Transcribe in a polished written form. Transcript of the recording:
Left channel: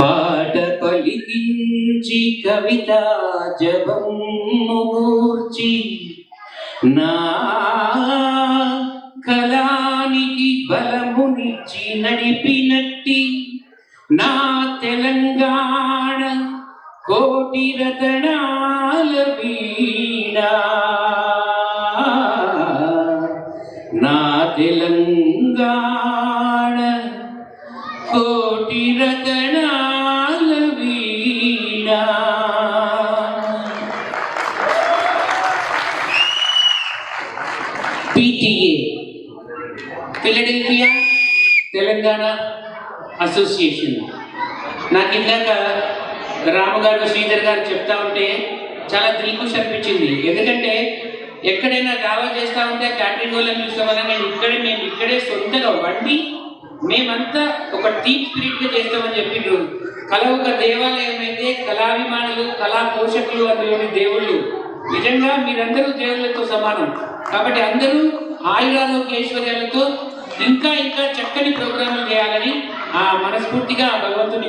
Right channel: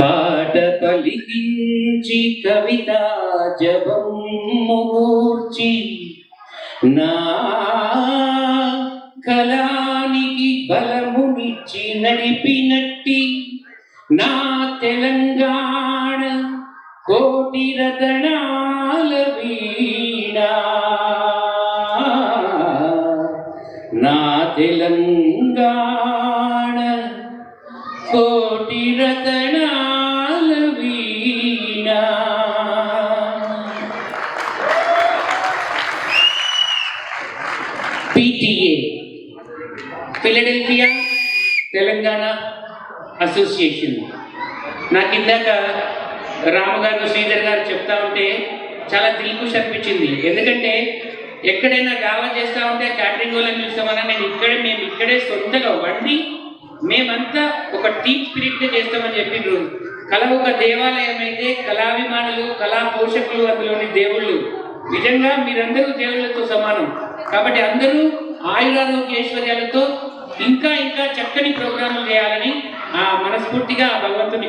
పాట పలికించి కవితా జపమూర్చి నా కళానికి బలమునిచ్చి నడిపినట్టి నా తెలంగాణ కోటి రతనాల వీణ నా తెలంగాణ కోటి రతనాల వీణ. PTA Philadelphia Telangana association. నాకు ఇందాక రామగారు శ్రీధర్ గారు చెప్తా ఉంటే చాలా దిల్కుష్ అనిపించింది. ఎందుకంటే ఎక్కడైనా దావా చేస్తూ ఉంటే క్యాటరింగ్ వాళ్ళని చూస్తామన్నా మేము ఇక్కడే సొంతగా వండి మేమంతా ఒక టీమ్ స్పిరిట్గా చేస్తామని చెప్పిండ్రు. కళ ఒక దేవాలయం అయితే కళాభిమానులు కళా పోషకులు అందులోని దేవుళ్ళు. నిజంగా మీరందరూ దేవుళ్ళతో సమానం. కాబట్టి అందరూ ఆయురారోగ్యేశ్వర్యాలతో ఇంకా చక్కని ప్రోగ్రాంలు చేయాలని మనస్ఫూర్తిగా భగవంతుని